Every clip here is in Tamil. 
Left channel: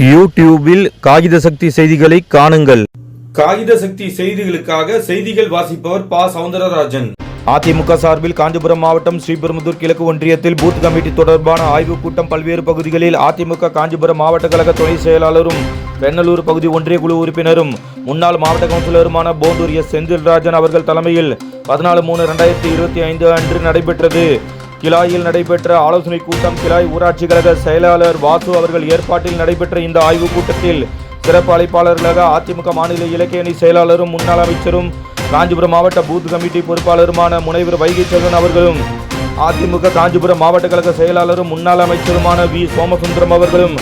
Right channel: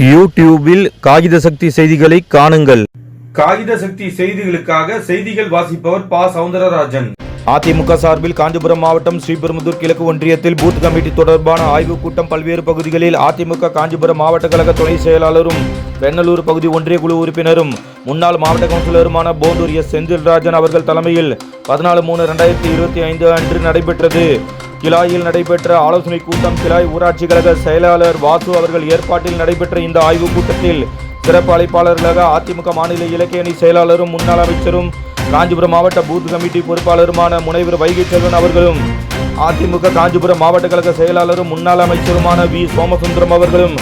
யூடியூபில் காகித சக்தி செய்திகளை காணுங்கள். காகித சக்தி செய்திகளுக்காக செய்திகள் வாசிப்பவர் பா. சவுந்தரராஜன். அதிமுக சார்பில் காஞ்சிபுரம் மாவட்டம் ஸ்ரீபெரும்புதூர் கிழக்கு ஒன்றியத்தில் பூத் கமிட்டி தொடர்பான ஆய்வுக் கூட்டம் பல்வேறு பகுதிகளில் அதிமுக காஞ்சிபுரம் மாவட்ட கழக துணை செயலாளரும் வெண்ணலூர் பகுதி ஒன்றிய குழு உறுப்பினரும் முன்னாள் மாவட்ட கவுன்சிலருமான போந்தூர் எஸ். செந்தில்ராஜன் அவர்கள் தலைமையில் பதினாலு மூணு ரெண்டாயிரத்தி இருபத்தி ஐந்து அன்று நடைபெற்றது. கிலாயில் நடைபெற்ற ஆலோசனை கூட்டம் கிலாய் ஊராட்சி கழக செயலாளர் வாசு அவர்கள் ஏற்பாட்டில் நடைபெற்ற இந்த ஆய்வுக் கூட்டத்தில் சிறப்பு அழைப்பாளர்களாக அதிமுக மாநில இலக்கிய அணி செயலாளரும் முன்னாள் அமைச்சரும் காஞ்சிபுரம் மாவட்ட பூத் கமிட்டி பொறுப்பாளருமான முனைவர் வைகை செல்வன் அவர்களும் அதிமுக காஞ்சிபுரம் மாவட்ட கழக செயலாளரும் முன்னாள் அமைச்சருமான வி. சோமசுந்தரம் அவர்களும்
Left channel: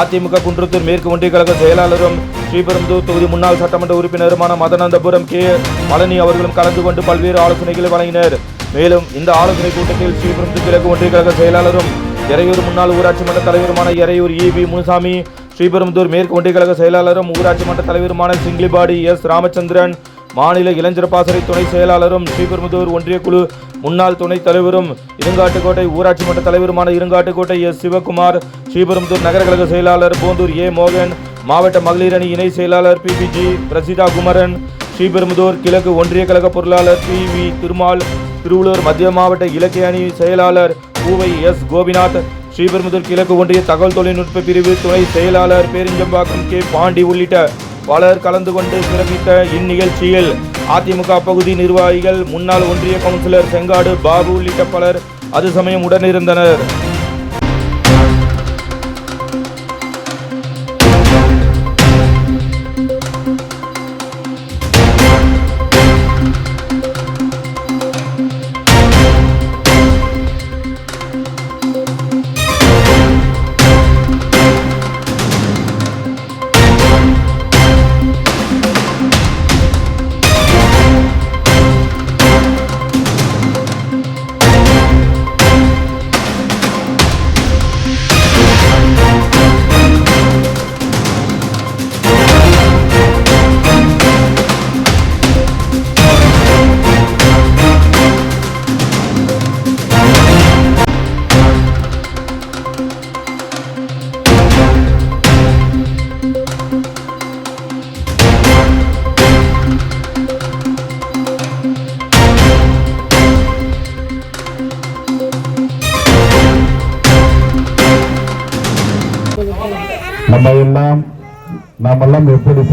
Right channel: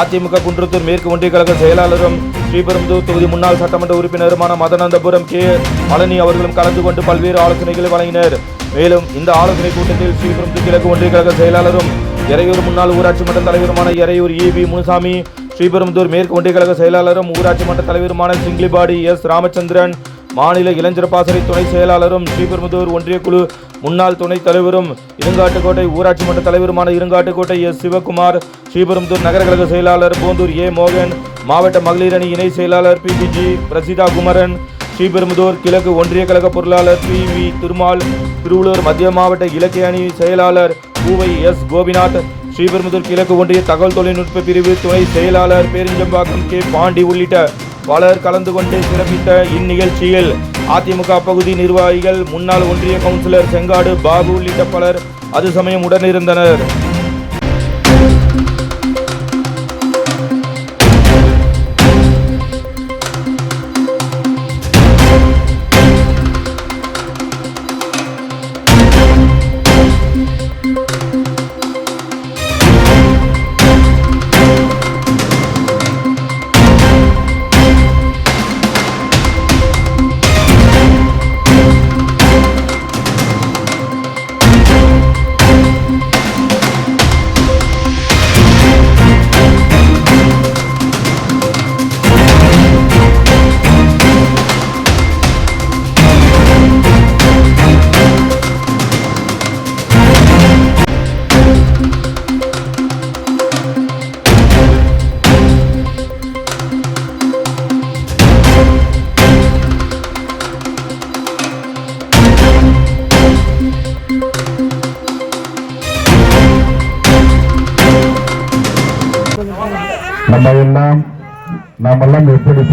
அதிமுக குன்றத்தூர் மேற்கு ஒன்றிய கழக செயலாளரும் ஸ்ரீபெரும்புதூர் தொகுதி முன்னாள் சட்டமன்ற உறுப்பினருமான மதனந்தபுரம் கே. பழனி அவர்களும் கலந்து கொண்டு பல்வேறு ஆலோசனைகளை வழங்கினர். மேலும் இந்த ஆலோசனை கூட்டத்தில் ஸ்ரீபெரும்புதூர் கிழக்கு ஒன்றிய கழக செயலாளரும் இறையூர் முன்னாள் ஊராட்சி மன்ற தலைவருமான எறையூர் வி முனுசாமி ஸ்ரீபெரும்புதூர் மேற்கு ஒன்றிய கழக செயலாளரும் ஊராட்சி மன்ற தலைவருமான சிங்கிலிபாடி எஸ். ராமச்சந்திரன் மாநில இளைஞர் பாசறை துணை செயலாளரும் ஸ்ரீபெரும்புதூர் ஒன்றிய குழு முன்னாள் துணைத் தலைவரும் இருங்காட்டுக்கோட்டை ஊராட்சி மன்ற தலைவருமான இருங்காட்டுக்கோட்டை எஸ் சிவகுமார் ஸ்ரீபெரும்புதூர் நகர கழக செயலாளர் போந்தூர் ஏ மோகன் மாவட்ட மகளிர் அணி இணை செயலாளர் பிபிஜி பிரசிதா குமரன் ஸ்ரீபெரும்புதூர் கிழக்கு ஒன்றிய கழக பொருளாளர் பி வி திருமால் திருவள்ளூர் மத்திய மாவட்ட இலக்கிய அணி செயலாளர் பூவை எஸ் கோபிநாத் ஸ்ரீபெரும்புதூர் கிழக்கு ஒன்றிய தகவல் தொழில்நுட்ப பிரிவு துணை செயலாளர் பேரிஞ்சம்பாக்கம் கே பாண்டி உள்ளிட்ட பலர் கலந்து கொண்டு சிறப்பித்த இந்நிகழ்ச்சியில் அதிமுக பகுதி நிர்வாகிகள் முன்னாள் ஒன்றிய கவுன்சிலர் செங்காடு பாபு உள்ளிட்ட பலர் அது சமயம் உடனிருந்தனர்.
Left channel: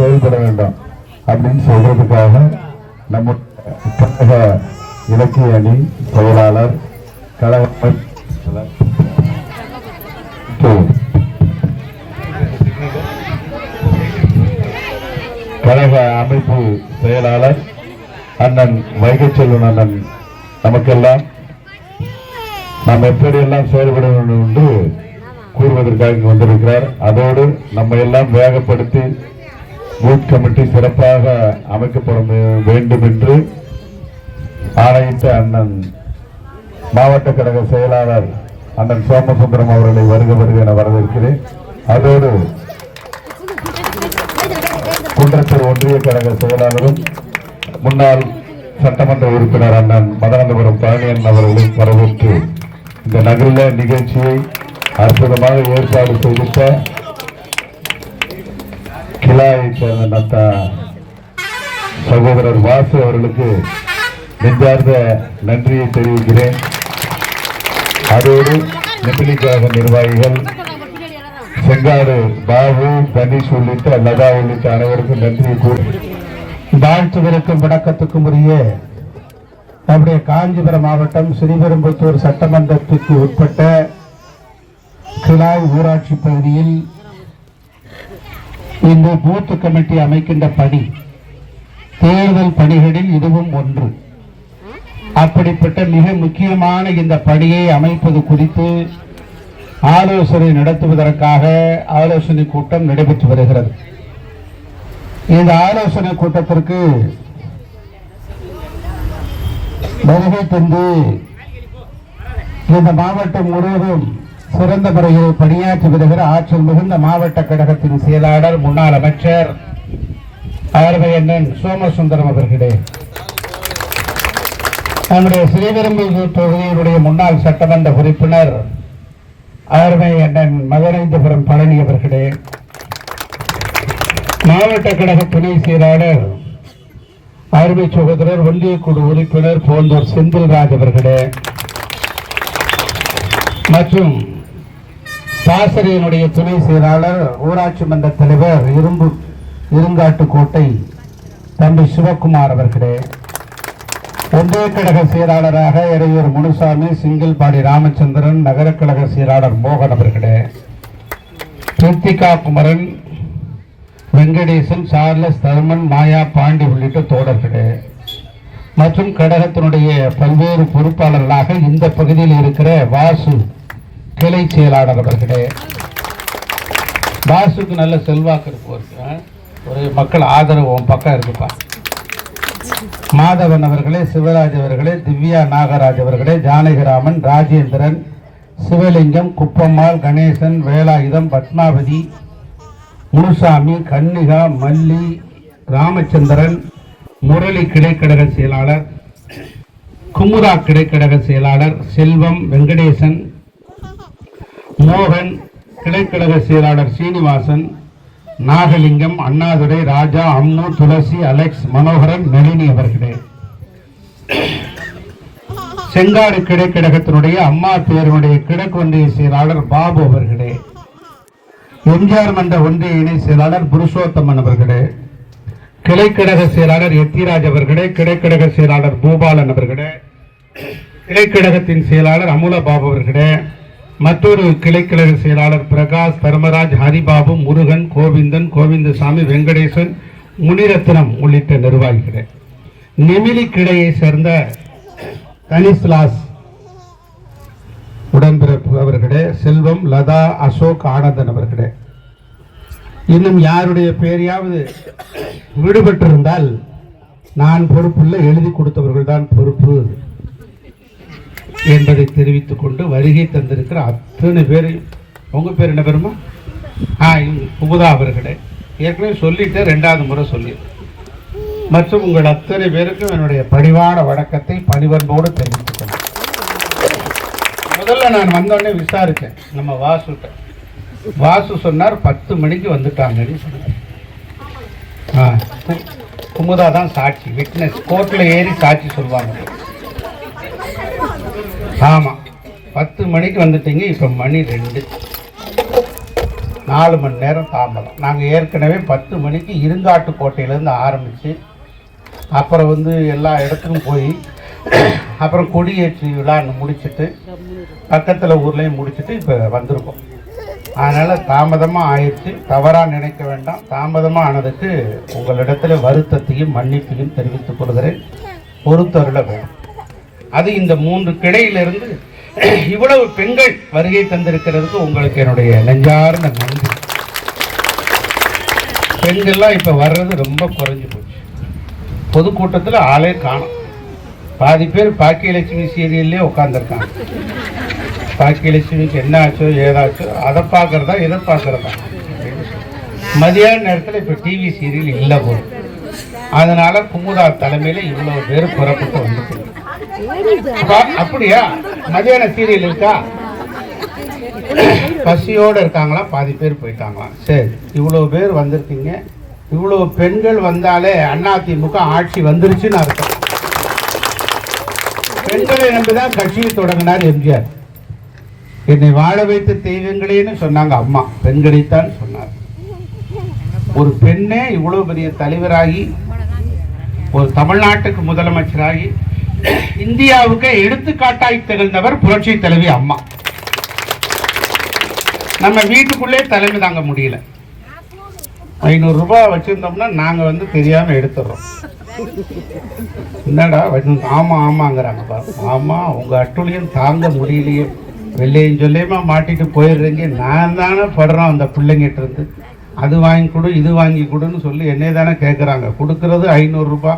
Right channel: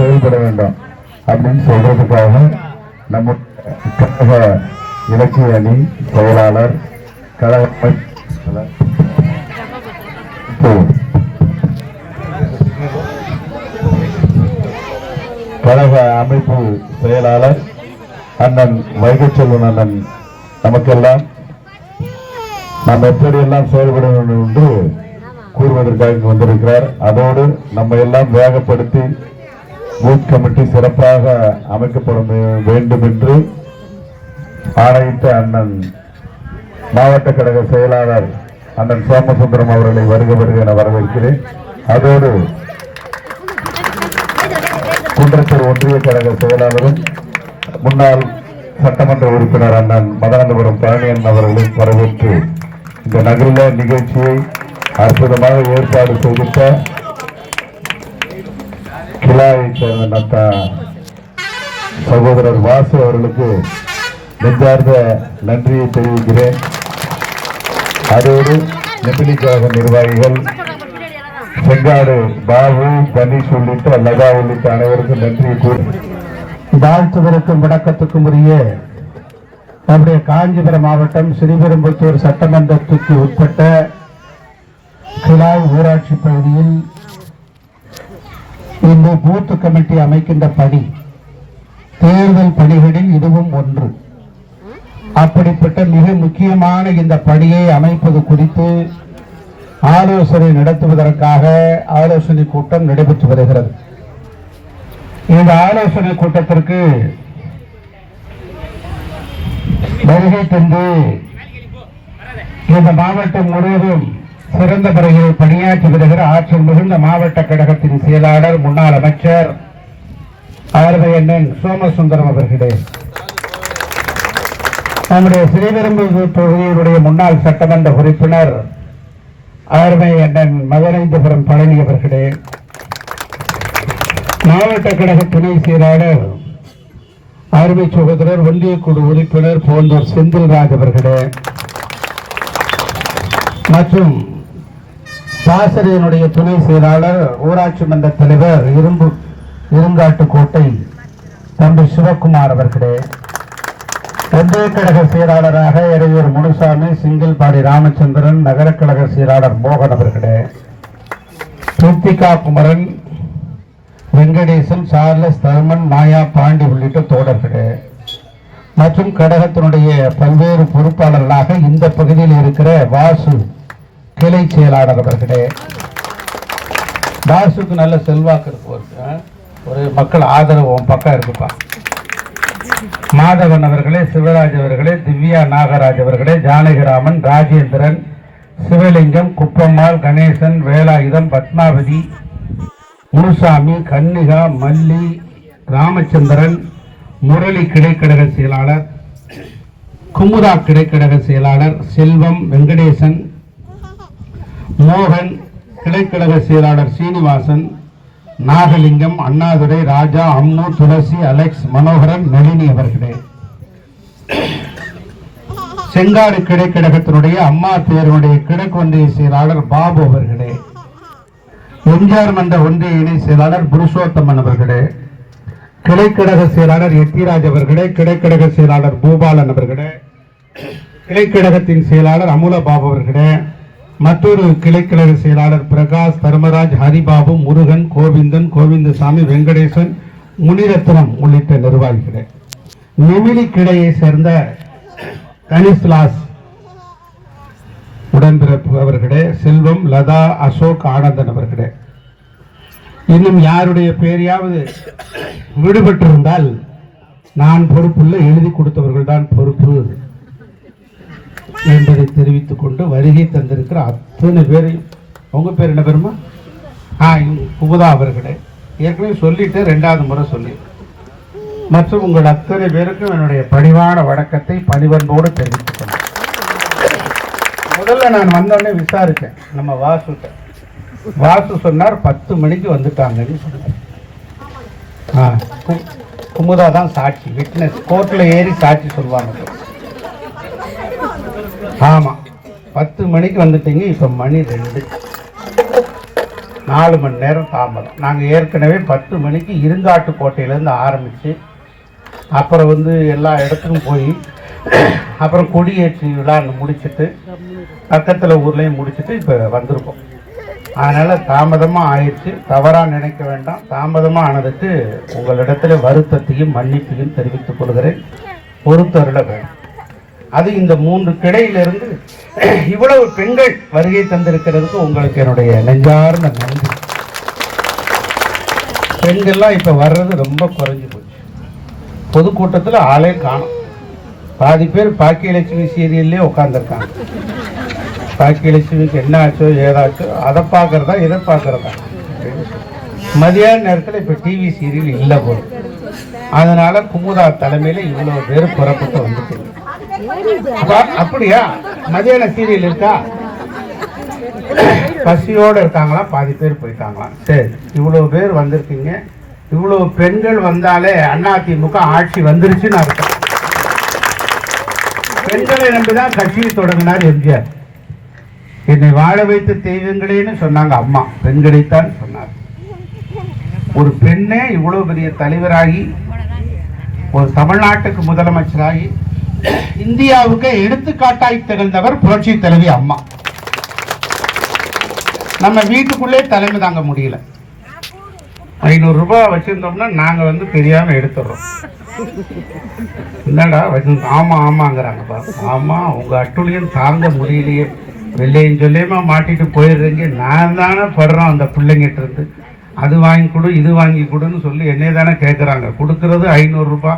செயல்பட வேண்டும் அப்படின்னு சொல்றதுக்காக நம்ம கழக இலக்கிய அணி செயலாளர் கழக கழக அமைப்பு செயலாளர் அண்ணன் வைகச்செல்வன் அண்ணன் நமக்கெல்லாம் நாம் எப்படியெல்லாம் செயல்பட வேண்டும் என்று கூறுவதற்காக இங்கு வந்திருக்கிறார். அதோடு நம்ம எல்லாம் வேகப்படுத்தி பூத் கமிட்டி சிறப்பாக அமைக்கப்பட வேண்டும் என்று ஆணையிட்ட அண்ணன் மாவட்ட கழக செயலாளர் அண்ணன் சோமசுந்தரம் அவர்களை வருக வருக என வரவேற்கிறேன். அதோடு குன்றத்தூர் ஒன்றிய கழக செயலாளரும் முன்னாள் சட்டமன்ற உறுப்பினர் அண்ணன் மதனந்தபுரம் பழனியன் அவர்களை வரவேற்று இந்த நகரில் நிகழ்ச்சியை அற்புதமாக ஏற்பாடு செய்திருக்க கிளாயை சேர்ந்த நத்தா சகோதரர் வாசு அவர்களுக்கு நெஞ்சார்ந்த நன்றியை தெரிவிக்கிறேன். அதோடு நெத்திலிக்காக நிர்வாகிகள் செங்காடு பாபு கணேஷ் உள்ளிட்ட லதா உள்ளிட்ட அனைவருக்கும் நன்றியை கூறி வாழ்த்துதலுக்கும் விளக்கத்துக்கும் உரிய நம்முடைய காஞ்சிபுரம் மாவட்டம் ஸ்ரீபெரும்புத்தூர் சட்டமன்றத்துக்கு உட்பட்ட கிளாய் ஊராட்சி பகுதியில் இந்த பூத்து கமிட்டி அமைக்கின்ற பணி தேர்தல் பணிகளில் இதுவும் ஒன்று. அப்படிப்பட்ட மிக முக்கியமான இந்த பணியை அமைப்பது குறித்து ஆலோசனை நடத்துவதற்காக ஆலோசனை கூட்டம் நடைபெற்று வருகிறது. இந்த ஆலோசனை கூட்டத்திற்கு வருகை தந்து இந்த மாவட்டம் முழுவதும் சிறந்த முறையில் பணியாற்றி வருகிற ஆற்றல் மிகுந்த மாவட்ட கழகத்தின் செயலாளர் முன்னாள் அமைச்சர் ஆர்வை அண்ணன் சோமசுந்தரம் அவர்களே. நம்முடைய ஸ்ரீபெரும்புதூர் தொகுதியினுடைய முன்னாள் சட்டமன்ற உறுப்பினர் ஆர்வை அண்ணன் பழனி அவர்களே. மாவட்ட கழக துணை செயலாளர் அருமை சகோதரர் ஒன்றியக்குழு உறுப்பினர் போன்ற செந்தில்ராஜ் அவர்களே. மற்றும் பாசறையினுடைய துணை செயலாளர் ஊராட்சி மன்ற தலைவர் இரும்பு இருங்காட்டுக்கோட்டை தம்பி சிவக்குமார் அவர்களே. ஒன்றிய கழக செயலாளராக இடையூர் முனுசாமி சிங்கிள்பாடி ராமச்சந்திரன் நகர கழக செயலாளர் மோகன் அவர்களே. கிருத்திகா குமரன் வெங்கடேசன் சார்லஸ் தர்மன் மாயா பாண்டி உள்ளிட்ட தோழர்களே. மற்றும் கழகத்தினுடைய பல்வேறு பொறுப்பாளர்களாக இந்த பகுதியில் இருக்கிற வாசு கிளை செயலாளர் அவர்களே பாசுக்கு நல்ல செல்வாக்கு இருப்பவருக்கு ஒரு மக்கள் ஆதரவு உன் பக்கம் இருக்குப்பா. மாதவன் அவர்களே சிவராஜ் அவர்களே திவ்யா நாகராஜ் அவர்களே ஜானகிராமன் ராஜேந்திரன் சிவலிங்கம் குப்பம்மாள் கணேசன் வேலாயுதம் பத்மாவதி முனுசாமி கன்னிகா மல்லி ராமச்சந்திரன் முரளி கிடைக்கழக செயலாளர் குமுதா கிடைக்கழக செயலாளர் செல்வம் வெங்கடேசன் மோகன் கிளைக்கழக செயலாளர் சீனிவாசன் நாகலிங்கம் அண்ணாதுரை ராஜா அம்மு துளசி அலெக்ஸ் மனோகரன் நளினி அவர்களே. செங்காடு கிடைக்கழகத்தினுடைய அம்மா பேருடைய கிழக்கு ஒன்றிய செயலாளர் பாபு அவர்களே. எம்ஜிஆர் மன்ற ஒன்றிய இணை செயலாளர் புருஷோத்தமன் அவர்களே. கிளைக்கழக செயலாளர் எத்திராஜ் அவர்களே கிளைக்கழக செயலாளர் பூபாலன் அவர்களே. கிளைக்கழகத்தின் செயலாளர் அமுல பாபு அவர்களே. மற்றொரு கிளைக்கழக செயலாளர் பிரகாஷ் தர்மராஜ் ஹரிபாபு முருகன் கோவிந்தன் கோவிந்தசாமி வெங்கடேசன் முனிரத்னம் உள்ளிட்ட நிர்வாகிகள். நெமிலி கிளையை சேர்ந்த கனிஸ்லாஸ் உடன்பிறப்பு அவர்களே செல்வம் லதா அசோக் ஆனந்தன் அவர்களே. இன்னும் யாருடைய பேரையாவது விடுபட்டிருந்தால் நான் பொறுப்புள்ள எழுதி கொடுத்தவர்கள் தான் பொறுப்பு. என்பதை தெரிவித்துக் கொண்டு வருகை தந்திருக்கிற அத்தனை பேரையும் உங்க பேர் என்ன பெருமா? ஆ புகுதா குமுதா அவர்களே. ஏற்கனவே சொல்லிட்டு ரெண்டாவது முறை சொல்லி. மற்றும் உங்கள் அத்தனை பேருக்கும் என்னுடைய பணிவான வணக்கத்தை பணிவன்போடு தெரிவித்துக் முதல்ல நான் வந்தோடனே விசாரித்தேன். நம்ம வாசுட்ட. வாசு சொன்னார் பத்து மணிக்கு வந்துட்டாங்கன்னு சொன்னார். ஆ குமுதா தான் சாட்சி விட்னஸ். கோர்ட்டில் ஏறி சாட்சி சொல்லுவாங்க ஆமாம் பத்து மணிக்கு வந்துட்டீங்க இப்போ மணி ரெண்டு. நாலு மணி நேரம் தாமதம். நாங்கள் ஏற்கனவே பத்து மணிக்கு இருங்காட்டு கோட்டையிலேருந்து ஆரம்பித்து அப்புறம் வந்து எல்லா இடத்துக்கும் போய் அப்புறம் கொடியேற்றி விழான்னு முடிச்சுட்டு பக்கத்தில் ஊர்லேயும் முடிச்சுட்டு இப்போ வந்திருக்கோம். அதனால் தாமதமாக ஆயிடுச்சு. தவறாக நினைக்க வேண்டாம். தாமதமாக ஆனதுக்கு உங்களிடத்தில் வருத்தத்தையும் மன்னிப்பையும் தெரிவித்துக் கொள்கிறேன். பொறுத்தருள வேண்டும் அது இந்த மூன்று கிளையிலிருந்து இவ்வளவு பெண்கள் வருகை தந்திருக்கிறதுக்கு உங்களுக்கு என்னுடைய நெஞ்சார்ந்த நன்றி. பெண்கள்லாம் இப்போ வர்றது ரொம்ப குறைஞ்சு போச்சு. பொதுக்கூட்டத்தில் ஆளே காணும். பாதி பேர் பாக்கியலட்சுமி சீரியல்லே உட்காந்துருக்காங்க பாக்கியலட்சுமிக்கு என்ன ஆச்சோ ஏதாச்சோ அதை பார்க்கறதா இதை பார்க்கறதா. மதியான நேரத்தில் இப்போ டிவி சீரியல் இல்லை போதும் அதனால குமுதா தலைமையில் இவ்வளோ பேர் புறப்பட்டு வந்துட்டு அப்படியா? மதியான சீரியல் இருக்கா? பசியோடு இருக்காங்களா பாதி பேர் போயிட்டாங்களாம். சரி இவ்வளோ பேர் வந்திருக்கீங்க. இவ்வளோ பெண்கள் வந்தாலே அதிமுக ஆட்சி வந்துருச்சுன்னு அர்த்தம். பெண்களை நம்பிதான் கட்சியை தொடங்கினார் எம்ஜிஆர். என்னை வாழ வைத்த தெய்வங்களேன்னு சொன்னாங்க அம்மா. பெண்களைத்தான் சொன்னார். ஒரு பெண்ணே இவ்வளோ பெரிய தலைவராகி ஒரு தமிழ்நாட்டுக்கு முதலமைச்சராகி இந்தியாவுக்கு எடுத்துக்காட்டாய் திகழ்ந்தவர் புரட்சி தலைவி அம்மா. நம்ம வீட்டுக்குள்ளே தலைமை தாங்க முடியல. ஐநூறுரூபா வச்சுருந்தோம்னா நாங்கள் வந்து தெரியாமல் எடுத்துடுறோம் என்னடா வச்சு- ஆமாம் ஆமாங்கிறாங்க பா ஆமாம் உங்கள் அட்டுழியம் தாங்க முடியலையே. வெள்ளையும் சொல்லியுமா மாட்டிட்டு போயிடுறீங்க. நான் தானே படுறோம் அந்த பிள்ளைங்கிட்ட இருந்து. அது வாங்கி கொடு இது வாங்கி கொடுன்னு சொல்லி என்னைய தானே கேட்குறாங்க கொடுக்கறது ஐநூறுரூபா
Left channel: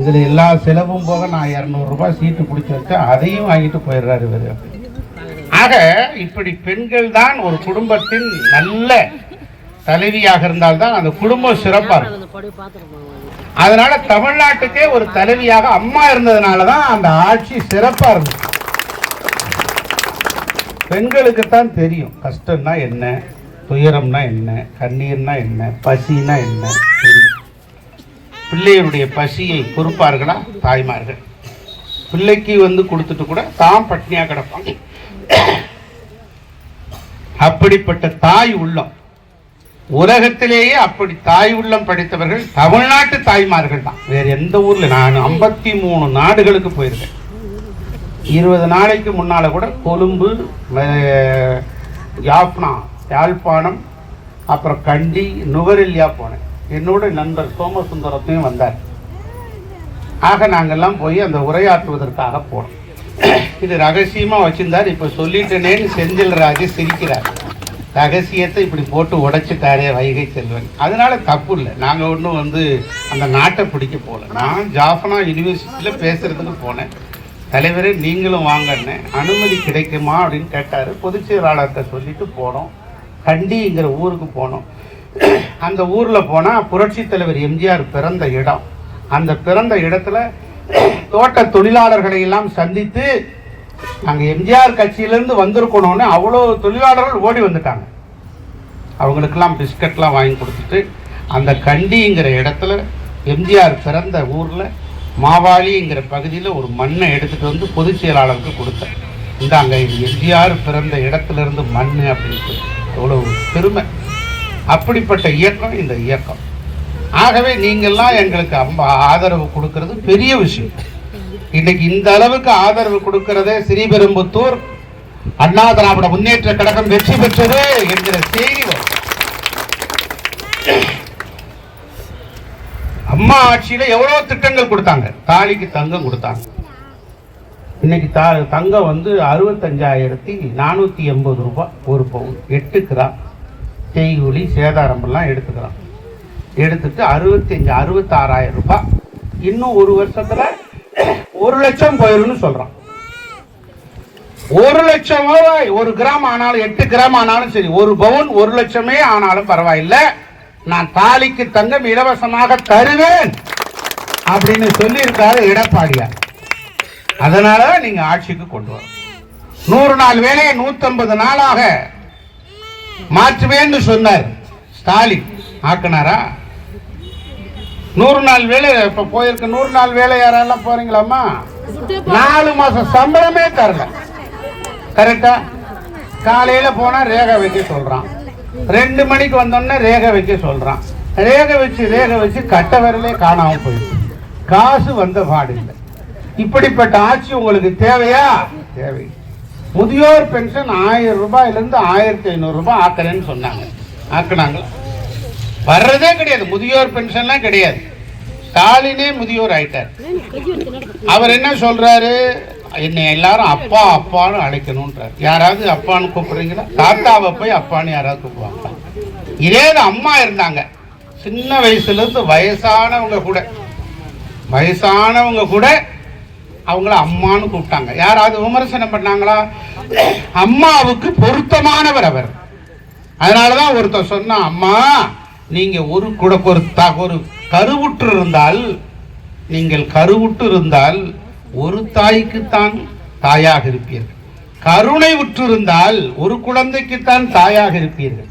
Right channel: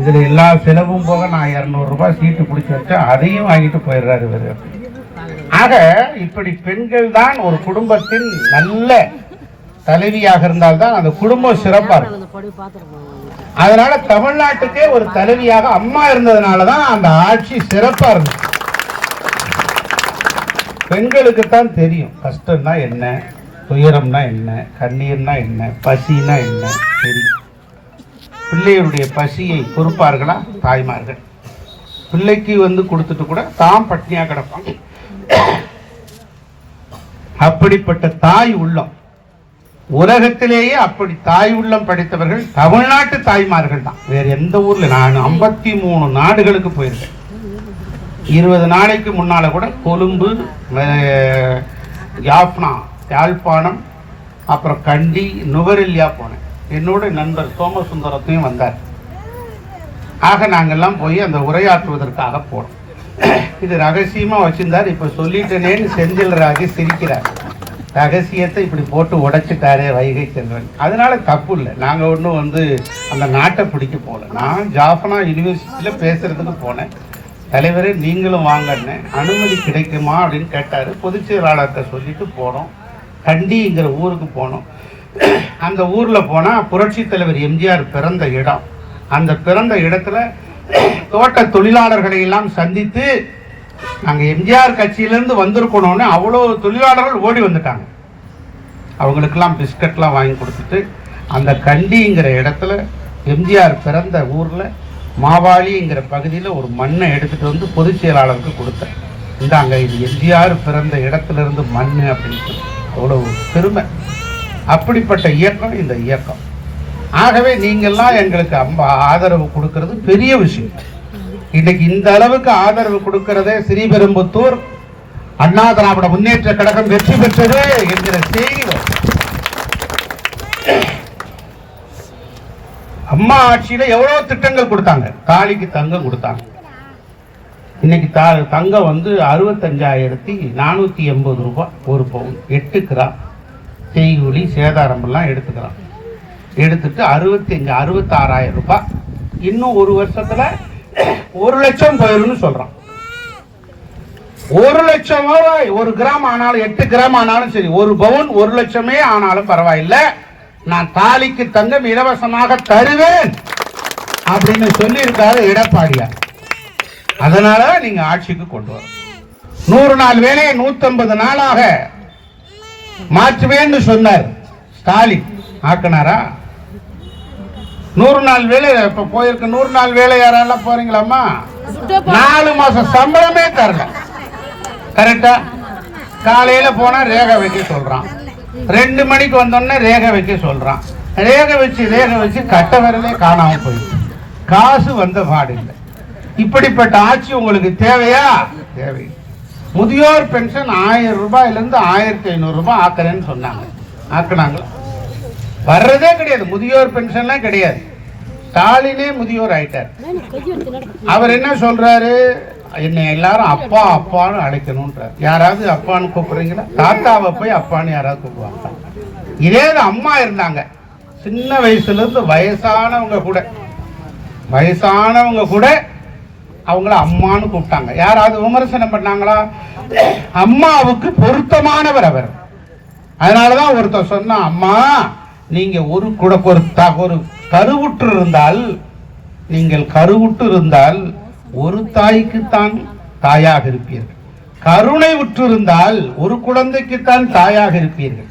இதில் எல்லா செலவும் போக நான் இரநூறுபா சீட்டு பிடிச்சி வச்சேன் அதையும் வாங்கிட்டு போயிடுறாரு இவர். ஆக இப்படி பெண்கள் தான் ஒரு குடும்பத்தின் நல்ல தலைவியாக இருந்தால்தான் அந்த குடும்பம் சிறப்பாக இருக்கும். அதனால தமிழ்நாட்டுக்கே ஒரு தலைவியாக அம்மா இருந்ததுனால தான் அந்த ஆட்சி சிறப்பாக இருந்தது. பெண்களுக்கு தான் தெரியும். கஷ்டம்னா என்ன? துயரம்னா என்ன? கண்ணீர்னா என்ன? பசினா என்ன? தெரியும். பிள்ளையினுடைய பசியை பொறுப்பார்களா? தாய்மார்கள். பிள்ளைக்கு வந்து கொடுத்துட்டு கூட தான் பட்னியாக கிடப்பாங்க. அப்படிப்பட்ட தாய் உள்ளம். உலகத்திலேயே அப்படி தாய் உள்ளம் படைத்தவர்கள் தமிழ்நாட்டு தாய்மார்கள் தான். வேற எந்த ஊர்ல? நான் ஐம்பத்தி மூணு நாடுகளுக்கு போயிருக்கேன். இருபது நாளைக்கு முன்னால கூட கொழும்பு யாப்னா யாழ்ப்பாணம் அப்புறம் கண்டி நுகரெல்லியா போனேன். என்னோட நண்பர் சோமசுந்தரத்தையும் வந்தார். ஆக நாங்கள்லாம் போய் அந்த உரையாற்றுவதற்காக போனோம். இது ரகசியமா வச்சிருந்தார். இப்ப சொல்லிட்டேனேன்னு செந்தில் ராஜு சிரிக்கிறார். ரகசியத்தை இப்படி போட்டு உடைச்சிட்டாரே வைகை செல்வன். அதனால தப்பு இல்லை. நாங்க ஒன்றும் வந்து அந்த நாட்டை பிடிக்க போகல. நான் ஜாஃபனா யூனிவர்சிட்டியில பேசுறதுக்கு போனேன். தலைவரே நீங்களும் வாங்கன்னு அனுமதி கிடைக்குமா அப்படின்னு கேட்டாரு. பொதுச் செயலாளர்கிட்ட சொல்லிட்டு போனோம். கண்டிங்கிற ஊருக்கு போனோம். அந்த ஊரில் போனால் புரட்சி தலைவர் எம்ஜிஆர் பிறந்த இடம். அந்த பிறந்த இடத்துல தோட்ட தொழிலாளர்களை எல்லாம் சந்தித்து நாங்கள் எம்ஜிஆர் கட்சியிலேருந்து வந்திருக்கணும்னு அவ்வளோ தொழிலாளர்கள் ஓடி வந்துட்டாங்க. அவங்களுக்கெல்லாம் பிஸ்கட்லாம் வாங்கி கொடுத்துட்டு அந்த கண்டிங்கிற இடத்துல எம்ஜிஆர் பிறந்த ஊரில் மாவாளிங்கிற பகுதியில் ஒரு மண்ணை எடுத்துகிட்டு வந்து பொதுச் செயலாளருக்கு கொடுத்தேன். இந்தாங்க இது எம்ஜிஆர் பிறந்த இடத்துல இருந்து மண் அப்படின்னு அவ்வளோ பெருமை. அப்படிப்பட்ட இயக்கம் இந்த இயக்கம். ஆகவே நீங்கள்லாம் எங்களுக்கு ஆதரவு கொடுக்கறது பெரிய விஷயம். இன்னைக்கு இந்த அளவுக்கு ஆதரவு கொடுக்கிறதே ஸ்ரீபெரும்புத்தூர் அண்ணா திராவிட முன்னேற்ற கழகம் வெற்றி பெற்றது என்கிற செய்தி அம்மா ஆட்சியில எவ்வளவு திட்டங்கள் கொடுத்தாங்க. காளிக்கு தங்கம் கொடுத்தாங்க. இன்னைக்கு தங்கம் வந்து அறுபத்தஞ்சாயிரத்தி நானூத்தி எண்பது ரூபாய் ஒரு பவுன். எட்டு கிராம் செய்கூலி சேதாரம்பெல்லாம் எடுத்துக்கிறான். எடுத்துட்டு அறுபத்தஞ்சு அறுபத்தாறாயிரம் ரூபாய். இன்னும் ஒரு வருஷத்துல ஒரு லட்சம் போயிரும்னு சொல்றான். ஒரு லட்சம் ரூபாய் ஒரு கிராம் ஆனாலும் எட்டு கிராம் ஆனாலும் சரி ஒரு பவுன் ஒரு லட்சமே ஆனாலும் பரவாயில்லை. நான் தாலிக்கு தங்கம் இலவசமாக தருவேன் அப்படின்னு சொல்லியிருக்காரு எடப்பாடியார். அதனால நீங்க ஆட்சிக்கு கொண்டு வர நூறு நாள் வேலையை நூத்தம்பது நாளாக மாற்றுவேன்னு சொன்னார். ஸ்டாலின் ஆக்குனாரா? நூறு நாள் வேலை இப்ப போயிருக்க நூறு நாள் வேலை யாரால போறீங்களாமா நாலு மாசம் சம்பளமே தரல. கரெக்டா காலையில போனா ரேக வைக்க சொல்றான். ரெண்டு மணிக்கு வந்தோடனே ரேக வைக்க சொல்றான். ரேகை வச்சு ரேகை வச்சு கட்ட விரலே காணாம போயிடுச்சு. காசு வந்த பாடு இல்லை. இப்படிப்பட்ட ஆட்சி உங்களுக்கு தேவையா? தேவை முதியோர் பென்ஷன் ஆயிரம் ரூபாயிலேருந்து ஆயிரத்தி ஐநூறு ரூபாய் ஆக்குறேன்னு சொன்னாங்க. ஆக்குனாங்க. வர்றதே கிடையாது. முதியோர் பென்ஷன்லாம் கிடையாது. ஸ்டாலினே முதியோர் ஆயிட்டார். அவர் என்ன சொல்றாரு? என்னை எல்லாரும் அப்பா அப்பான்னு அழைக்கணும்ன்றார். யாராவது அப்பான்னு கூப்பிடுறீங்களா? தாத்தாவை போய் அப்பான்னு யாராவது கூப்பிடுவாங்க இதே அம்மா இருந்தாங்க. சின்ன வயசுலேருந்து வயசானவங்க கூட. வயசானவங்க கூட அவங்கள அம்மான்னு கூப்பிட்டாங்க. யாராவது விமர்சனம் பண்ணாங்களா? அம்மாவுக்கு பொருத்தமானவர் அவர். அதனாலதான் ஒருத்தர் சொன்ன அம்மா நீங்க ஒரு கூட ஒரு ஒரு கருவுற்று இருந்தால் நீங்கள் கருவுற்று இருந்தால் ஒரு தாய்க்குத்தான் தாயாக இருப்பீர்கள். கருணை உற்றிருந்தால் ஒரு குழந்தைக்குத்தான் தாயாக இருப்பீர்கள்.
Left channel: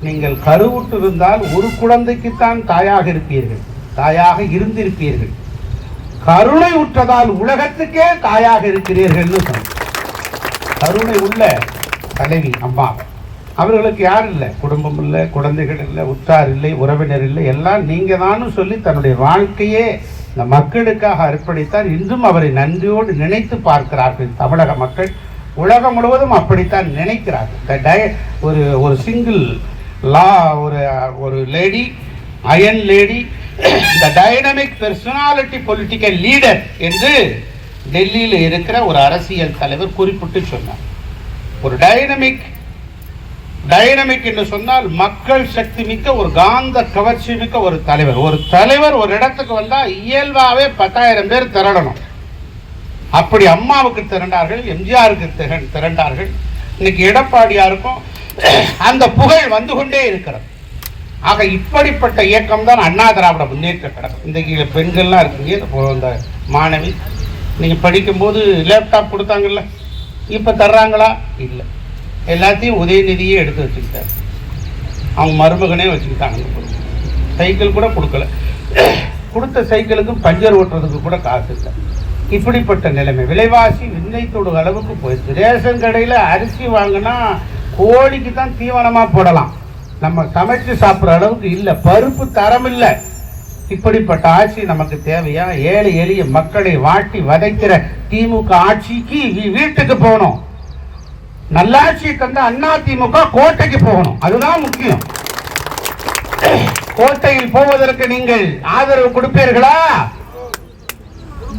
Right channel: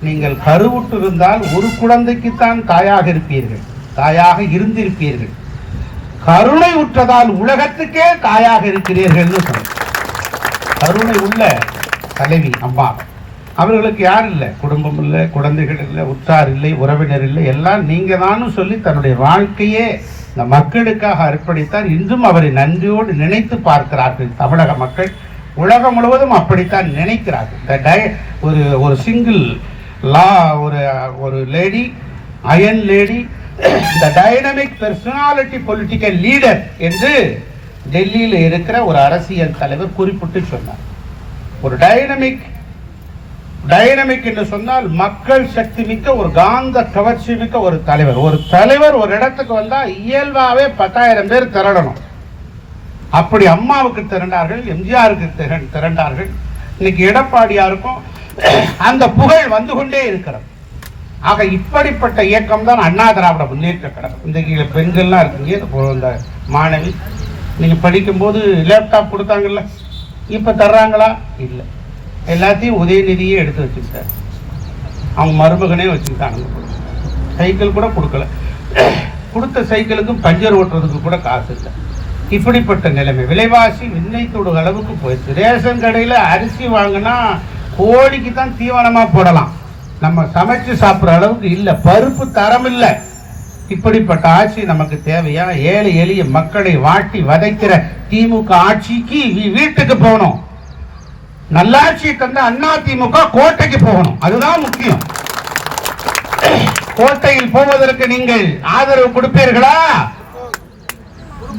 நீங்கள் கருவுற்று இருந்தால் ஒரு குழந்தைக்குத்தான் தாயாக இருப்பீர்கள். தாயாக இருந்திருப்பீர்கள். கருணை உற்றதால் உலகத்துக்கே தாயாக இருக்கிறீர்கள்னு கருணை உள்ள தலைவி அம்மா. அவர்களுக்கு யார் இல்லை? குடும்பம் இல்லை குழந்தைகள் இல்லை உற்றார் இல்லை உறவினர் இல்லை. எல்லாம் நீங்க தானும் சொல்லி தன்னுடைய வாழ்க்கையே இந்த மக்களுக்காக அர்ப்பணித்தார். இன்றும் அவரை நன்றியோடு நினைத்து பார்க்கிறார்கள் தமிழக மக்கள். உலகம் முழுவதும் அப்படித்தான் நினைக்கிறார்கள். டய- ஒரு ஒரு சிங்கிள் லா ஒரு ஒரு lady iron lady the dynamic personality political leader என்று டெல்லியில் இருக்கிற ஒரு அரசியல் தலைவர் குறிப்பிட்டு சொன்னார். ஒரு டைனமிக் டைனமிக் என்று சொன்னால் மக்கள் சக்தி மிக்க ஒரு காந்த கவர்ச்சி மிக்க ஒரு தலைவர். ஒரு தலைவர் ஒரு இடத்துக்கு வந்தால் இயல்பாகவே பத்தாயிரம் பேர் திரளணும். அப்படி அம்மாவுக்கு திரண்டார்கள் எம்ஜிஆருக்கு திரண்டார்கள். இன்னைக்கு எடப்பாடியாருக்கும் அந்த புகழ் வந்து கொண்டே இருக்கிறது. ஆக இப்படிப்பட்ட இயக்கம் தான் அண்ணா திராவிட முன்னேற்ற கழகம். இன்றைக்கு பெண்கள்லாம் இருக்கீங்க இப்போ இந்த மாணவி. நீங்கள் படிக்கும்போது லேப்டாப் கொடுத்தாங்கல்ல இப்போ தர்றாங்களா? இல்லை. எல்லாத்தையும் உதயநிதியே எடுத்து வச்சுக்கிட்டாங்க அவங்க மருமகனே வச்சுக்கிட்டாங்க. சைக்கிள் கூட கொடுக்கல. கொடுத்த சைக்கிளுக்கும் பஞ்சர் ஓட்டுறதுக்கு கூட காசு இல்லை. இப்படிப்பட்ட நிலைமை. விலைவாசி விண்ணை தொடு அளவுக்கு போயிடுச்சு. ரேஷன் கடையில் அரிசி வாங்கினா கோழிக்கு தான் தீவனமாக போடலாம். நம்ம சமைச்சு சாப்பிட்ற அளவுக்கு இல்லை. பருப்பு தரம் இல்லை. இப்படிப்பட்ட ஆட்சி நமக்கு தேவையா? ஏழை எளிய மக்களை வாட்டி வதைக்கிற திமுக ஆட்சிக்கு வீட்டுக்கு போகணும். நல்லாட்சியை தந்த அண்ணா திமுக கோட்டைக்கு போகணும். அதுதான் முக்கியம். கோட்டையில் போவதற்கு நீங்கள் ஆதரவு கொடுப்பீர்களா அண்ணா திமுக வுக்கு ஆதரவு கொடு- ஆ, அத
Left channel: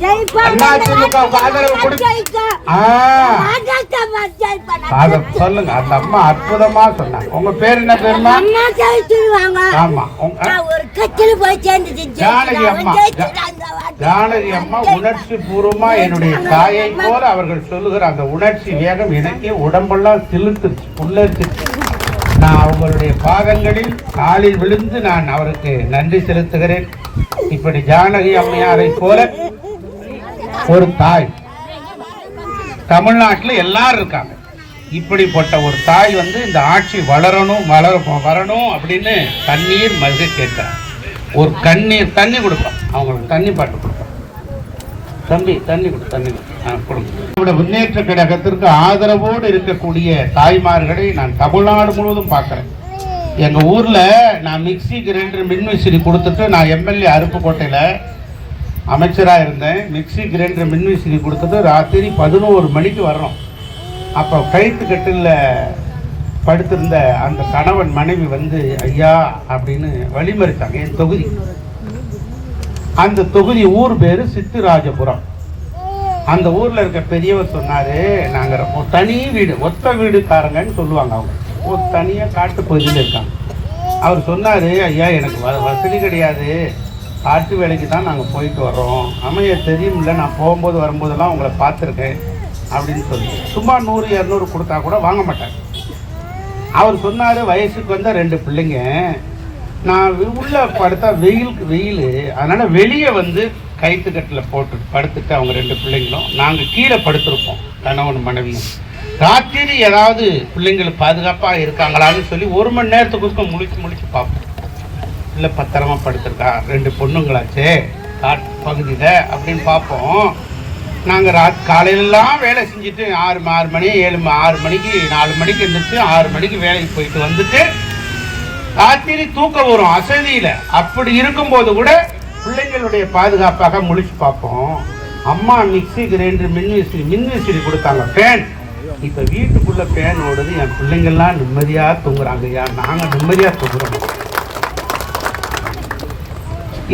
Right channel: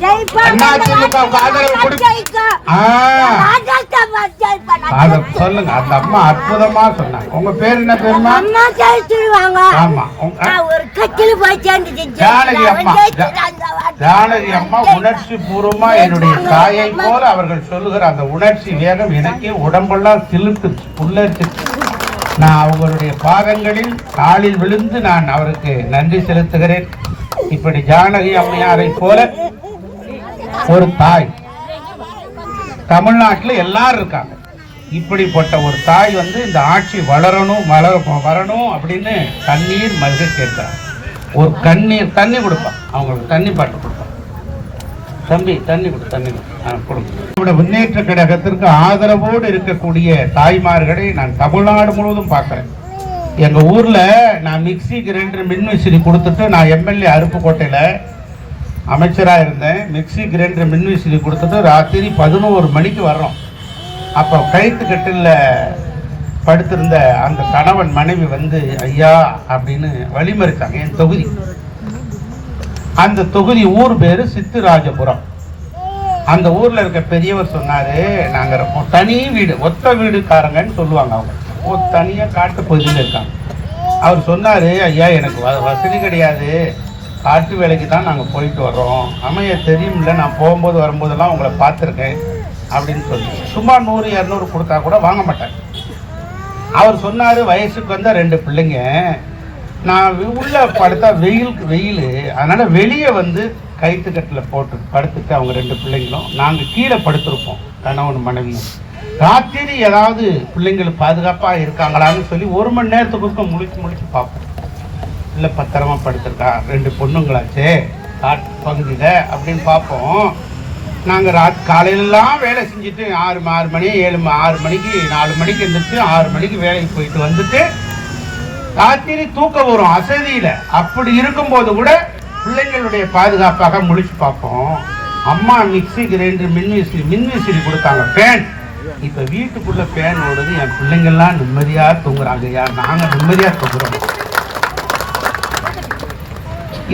சொல்லுங்க? அந்த அம்மா அற்புதமா சொன்னாங்க. உங்க பேர் என்ன பேருமா அம்மா ஜெயிச்சிருவாங்க. ஆமா. ஒரு கட்சியில போய் ஜானகி அம்மா. ஜானகி அம்மா உணர்ச்சி பூர்வமா என்னுடைய தாயை போல அவர்கள் சொல்லுகிற அந்த உணர்ச்சி வேகம் எனக்கே உடம்பெல்லாம் சிலுக்கு உள்ளிருக்கு நான் அவங்களுடைய பாதங்களில் காலில் விழுந்து நான் அவருக்கு நன்றி செலுத்துகிறேன். இப்படி ஜானகி அம்மையாரை போல ஒரு தாய். தமிழ்நாட்டில் எல்லாரும் இருக்காங்க. இப்படிப்பட்ட ஒரு தாய் வந்து இந்த ஆட்சி வளரணும் வளர வரணும் அப்படின்னு தண்ணீர் மல்க கேட்டார் ஒரு கண்ணீர் தண்ணி கொடுப்போம் அவங்களுக்கு தண்ணி பாட்டு கொடுப்போம் தம்பி தண்ணி கொடு, தண்ணி கொடு. கொடுங்க. முன்னேற்ற கழகத்திற்கு ஆதரவோடு இருக்கக்கூடிய தாய்மார்களை நான் தமிழ்நாடு முழுவதும் பார்க்குறேன். எங்கள் ஊரில் நான் மிக்சி கிரைண்டர் மின்விசிறி கொடுத்துட்டு நான் எம்எல்ஏ அருப்புக்கோட்டையில் அமைச்சராக இருந்தேன். மிக்சி கிரைண்டர் மின்விசிறி கொடுத்துட்டு ராத்திரி பதினோரு மணிக்கு வர்றோம். அப்போ கழுத்து கட்டில் படுத்திருந்த அந்த கணவன் மனைவி வந்து ஐயா அப்படின்னு வழிமறித்தாங்க என் தொகுதி. அந்த தொகுதி ஊர் பேரு சித்துராஜபுரம். அந்த ஊரில் இருக்க பெரியவர் சொன்னாரு நாங்கள் தனி வீடு ஒத்த வீடுக்காரங்கன்னு சொல்லுவாங்க அவங்க. தனியாக காட்டு பகுதியில் இருக்காங்க. அவர் சொன்னார் ஐயா எனக்கு வசதி கிடையாது. காட்டு வேலைக்கு தான் நாங்கள் போயிட்டு வர்றோம். அமைய தெரியும்ல நான் போகும்போது வரும்போதெல்லாம் உங்களை பார்த்துருக்கேன் அப்படின்னு சொல்லி. சும்மா நூறு இரநூறு கொடுத்தா கூட வாங்க மாட்டாங்க அவர் சொன்னார் வயசுக்கு வந்தால் ரெண்டு பிள்ளைங்க. நான் உள்ளே படுத்தா வெயிலுக்கு வெயில். அதனால் வெளியே வந்து கைத்துக்கட்டில் போட்டு படுத்துட்டு அவங்க ரெண்டு பிள்ளைங்களும். நாங்கள் கீழே படுத்திருப்போம் கணவன் மனைவியும் ராத்திரி ஏதாவது பிள்ளைங்களுக்கு பாதுகாப்பாக இருக்காங்களான்னு சொல்லி ஒரு மணி நேரத்துக்கு முழிச்சு முழிச்சு பார்ப்போம். இல்லை பத்திரமா படுத்திருக்கா? ரெண்டு பொண்ணுங்களாச்சே. காட்டு பகுதியில் அப்படின்னு பார்ப்போம். நாங்கள் ராத் காலையிலலாம் வேலை செஞ்சுட்டு ஆறு ஆறு மணி ஏழு ஆறு மணிக்கு நாலு மணிக்கு எழுந்திரிச்சு ஆறு மணிக்கு வேலைக்கு போயிட்டு வந்துட்டு ராத்திரி தூக்கம் வரும் அசதியில். அப்படி இருக்கும்போது கூட பிள்ளைங்களுடைய பாதுகாப்பாக முழிச்சு பார்ப்போம். அம்மா மிக்ஸி கிரைண்டர் மின்விசிறி மின்விசிறி கொடுத்தாங்க. ஃபேன். இப்போ வீட்டுக்குள்ளே ஃபேன் ஓடுது. என் பிள்ளைங்கள்லாம் நிம்மதியாக தூங்குறாங்க ஐயா நாங்கள் நிம்மதியாக தூங்குறோம்.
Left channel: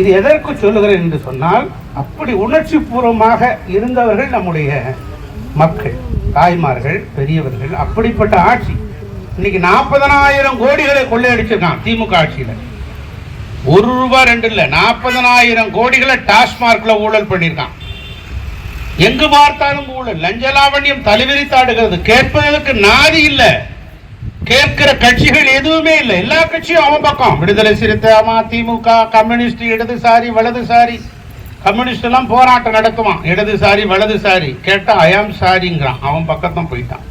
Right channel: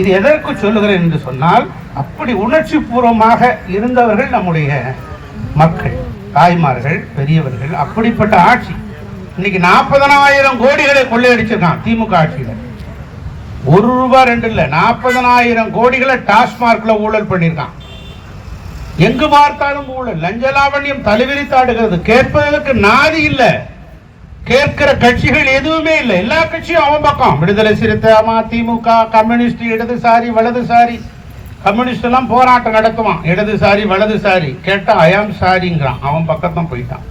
இது எதற்கு சொல்லுகிறேன் என்று சொன்னால் அப்படி உணர்ச்சி பூர்வமாக இருந்தவர்கள் நம்முடைய மக்கள் தாய்மார்கள் பெரியவர்கள் அப்படிப்பட்ட ஆட்சி. இன்னைக்கு நாற்பதனாயிரம் கோடிகளை கொள்ளையடிச்சிருக்கான் திமுக ஆட்சியில். ஒரு ரூபாய் ரெண்டு இல்லை நாற்பதனாயிரம் கோடிகளை டாஸ்மார்க்ல ஊழல் பண்ணியிருக்கான். எங்கு பார்த்தாலும் ஊழல் லஞ்ச லாவண்யம் தலைவிரித்தாடுகிறது கேட்பதற்கு நாதி இல்லை. கேட்கிற கட்சிகள் எதுவுமே இல்லை. எல்லா கட்சியும் அவன் பக்கம். விடுதலை சிறுத்தை அதிமுக கம்யூனிஸ்ட் இடதுசாரி வலதுசாரி. கம்யூனிஸ்ட் எல்லாம் போராட்டம் நடத்துவான் இடதுசாரி வலதுசாரி. கேட்டா அயாம் சாரிங்கிறான். அவன் பக்கத்தான் போயிட்டான்.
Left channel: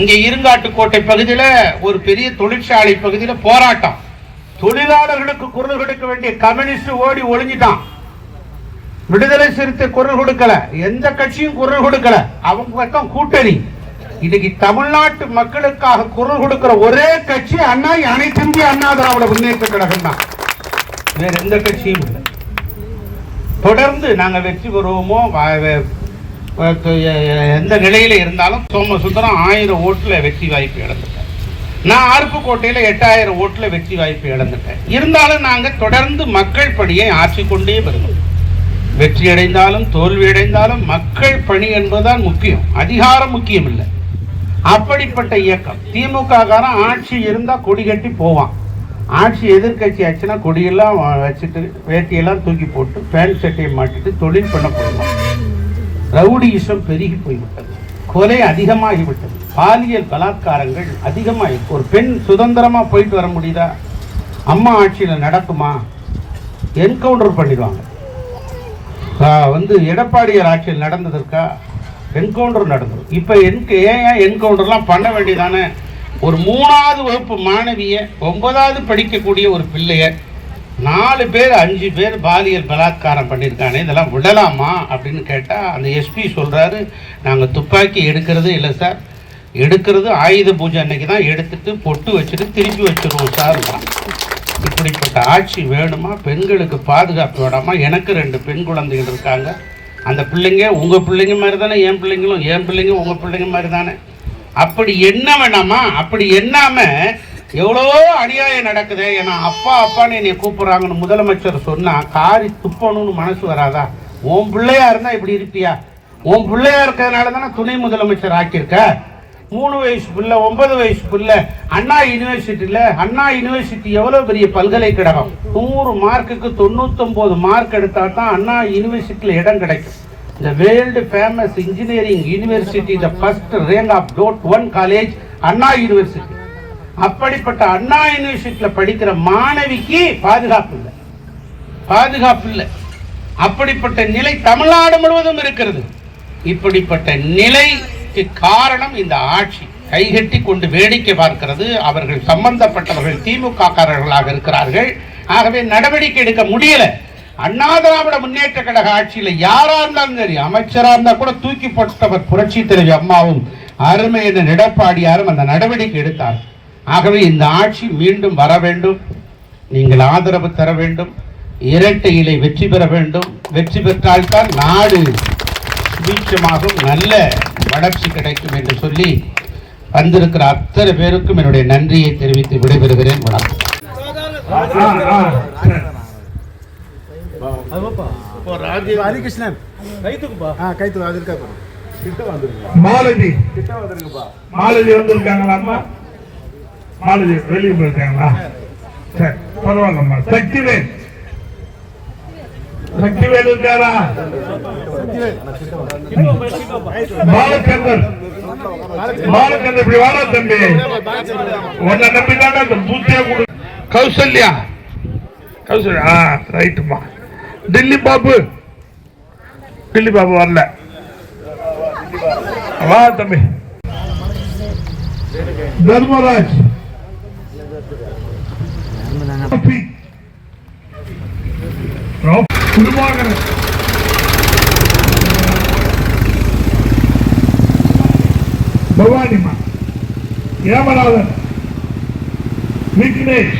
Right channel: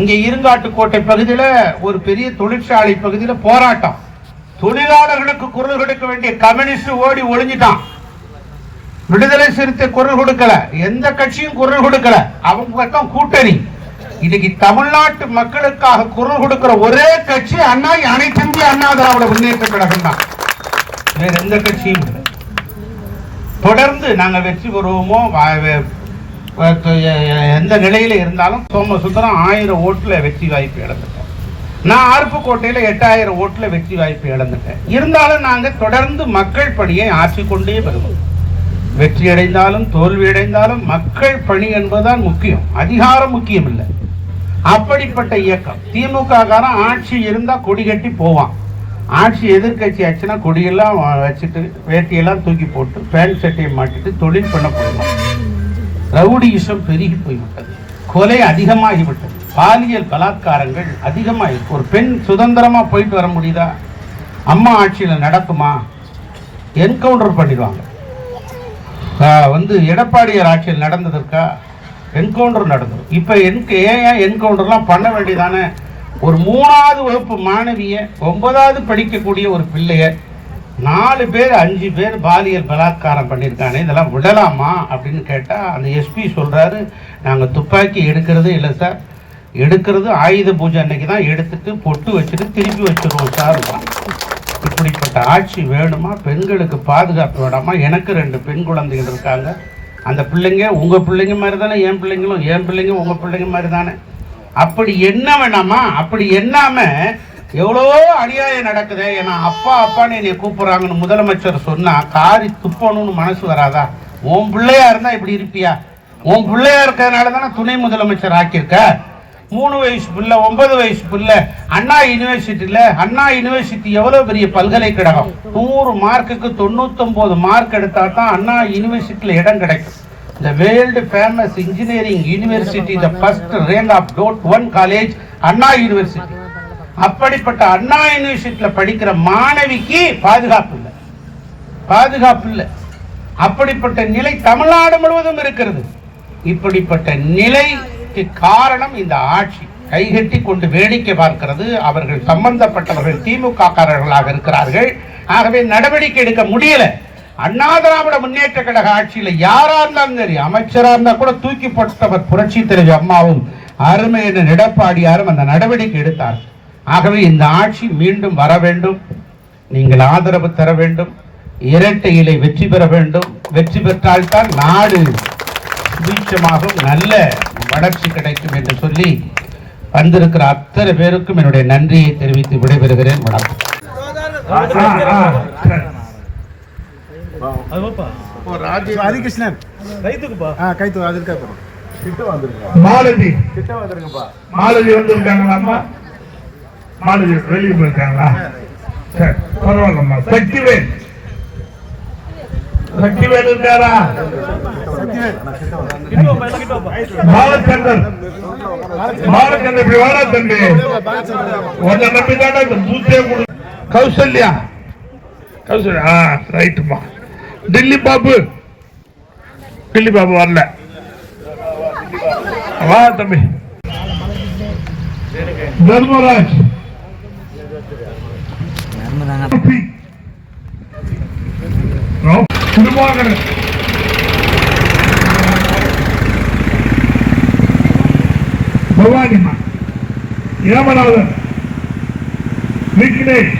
இங்க இருங்காட்டுக்கோட்டை பகுதியில ஒரு பெரிய தொழிற்சாலை பகுதியில போராட்டம். தொழிலாளர்களுக்கு குரல் கொடுக்க வேண்டிய கம்யூனிஸ்ட் ஓடி ஒளிஞ்சிட்டான். விடுதலை சிறுத்தை குரல் கொடுக்கல. எந்த கட்சியும் குரல் கொடுக்கல. அவங்க பக்கம் கூட்டணி. இன்னைக்கு தமிழ்நாட்டு மக்களுக்காக குரல் கொடுக்கிற ஒரே கட்சி அண்ணா அனைத்து இந்திய அண்ணா திராவிட முன்னேற்ற கழகம் தான். வேற எந்த கட்சியும் இல்லை. தொடர்ந்து நாங்க வெற்றி பெறுவோமோ எந்த நிலையில இருந்தாலும் சோமசுந்தரம் ஆயிரம் ஓட்டுல வெற்றி வாய்ப்பு இழந்துட்டோம் நான் அருப்புக்கோட்டையில எட்டாயிரம் ஓட்டுல வெற்றி வாய்ப்பு இழந்துட்டேன். இருந்தாலும் நாங்க தொடர்ந்து மக்கள் பணியை ஆற்றிக்கொண்டே வருவோம். வெற்றி அடைந்தாலும் தோல்வி அடைந்தாலும் மக்கள் பணி என்பதுதான் முக்கியம். அதிகாரம் முக்கியம் இல்லை அப்படிப்பட்ட இயக்கம். திமுக காரன் ஆட்சி இருந்தா கொடி கட்டி போவான். ஆட்சி எதிர்க்கட்சி ஆச்சுன்னா கொடியெல்லாம் வச்சுட்டு வேட்டியெல்லாம் தூக்கி போட்டு பேண்ட் சட்டையை மாட்டிட்டு தொழில் பண்ண போயிடுவான். ரவுடியிசம் பெருகி போய்விட்டது. கொலை அதிகமாகிவிட்டது. பாலியல் பலாத்காரங்கள் அதிகமாகி ஒரு பெண் சுதந்திரமா போயிட்டு வர முடியுதா? அம்மா ஆட்சியில் நடக்குமா? என்கவுண்டர் பண்ணிடுவாங்க. வந்து எடப்பாடியார் ஆட்சியில் நடந்ததற்கா? என்கவுண்டர் நடந்தது. இப்போ என்கு ஏன் என்கவுண்டர்லாம் பண்ண வேண்டியதானே? ஒரு மூணாவது வகுப்பு மாணவிய ஒன்பதாவது படிக்கக்கூடிய ஒரு பிள்ளைய நாலு பேர் அஞ்சு பேர் பாலியல் பலாத்காரம் பண்ணியிருக்கானே இதெல்லாம் விடலாமா அப்படின்னு கேட்டால் அந்த எஸ்பி சொல்கிறாரு நாங்கள் துப்பாக்கி எடுக்கிறது இல்லை சார். எடுக்கிறது ஆயுத பூஜை அன்னைக்கு தான் எடுத்துட்டு பொட்டு வச்சுட்டு திருப்பி வச்சுருவோம் சார். இப்படிப்பட்ட ஆட்சி வேணுமா? பெண்களுக்கு பாதுகாப்பு வேணாமா எனக்கு ரெண்டு பெண் குழந்தைகள் இருக்காங்க. அந்த பிள்ளைங்க உங்கள் பிள்ளைங்க மாதிரி தானே என் பிள்ளைங்களும் என் பிள்ளைங்க உங்கள் பிள்ளைங்க மாதிரி தானே. அப்படி என்ன வேணாமா? அப்படி என்னாமல் எவ்வளோ அநியாயம் நடக்குது? ஏன்னா அப்பா அப்பான்னு என்னை கூப்பிட்றாங்கன்னு முதலமைச்சர் சொன்னால் காரி துப்பணும்னு மனசு வராதா? உன் பிள்ளையா இருந்தால் இப்படி இருப்பியா? உன் பிள்ளையா இருக்கிறதுனால தானே துணை முதலமைச்சர் ஆக்கியிருக்க? மூணு வயசு பிள்ளை ஒன்பது வயசு பிள்ளை அண்ணா யூனிவர்சிட்டியில அண்ணா யூனிவர்சிட்டி எவ்வளவு பெரிய பல்கலைக்கழகம்? நூறு மார்க்குக்கு தொண்ணூத்தொன்பது மார்க் எடுத்தா தான் அண்ணா யூனிவர்சிட்டியில இடம் கிடைக்கும். The world famous engineering university the first rank of top one college Anna university அப்படிப்பட்ட அண்ணா யூனிவர்சிட்டியில படிக்கிற மாணவிக்கு பாதுகாப்பு இல்லை. பாதுகாப்பு இல்லை. அப்படிப்பட்ட நிலை தமிழ்நாடு முழுவதும் இருக்கிறது. இப்படிப்பட்ட நிலை அதற்கு காரணம் இந்த ஆட்சி. கைகட்டி கொண்டு வேடிக்கை பார்க்கிறது. அவர்கள் சம்பந்தப்பட்டவர்கள் திமுக காரர்களாக இருக்கிறார்கள். ஆகவே நடவடிக்கை எடுக்க முடியல. அண்ணா திராவிட முன்னேற்ற கழக ஆட்சியில யாரா இருந்தாலும் சரி அமைச்சரா இருந்தா கூட தூக்கி போட்டவர் புரட்சி தலைவி அம்மாவும் அருமை என்ற எடப்பாடியாரும் அந்த நடவடிக்கை எடுத்தார். ஆகவே இந்த ஆட்சி மீண்டும் வர வேண்டும். நீங்கள் ஆதரவு தர வேண்டும். இரட்டை இலை வெற்றி பெற வேண்டும். வெற்றி பெற்றால்தான் நாடு சுபீட்சமாகும் நல்ல வளர்ச்சி கிடைக்கும் என்று சொல்லி வந்திருக்கிற அத்தனை பேருக்கும் என்னுடைய நன்றியை தெரிவித்து விடைபெறுகிறேன். வணக்கம் ராதிகிருஷ்ணன் ஆ கைத்து அதுக்கு மாலதி வந்திருக்காங்களா அம்மா? மாலதி வெளியே போயிருக்காங்களா? சரி பரவாயில்லம்மா சக்திவேல். சக்திவேல் இருக்காரா? பாலச்சந்தர் இப்படி வாடா தம்பி. உன்னை நம்பி தானே இந்த பூத்தியா கொடு. கௌசல்யா. கௌசல்யா ஆ ரைட்டுமா டில்லி பாபு. டில்லி பாபு வரல. வா தம்பி. தர்மராஜ். திருமாகரன் பவானி ஏமநாதன் விக்னேஷ்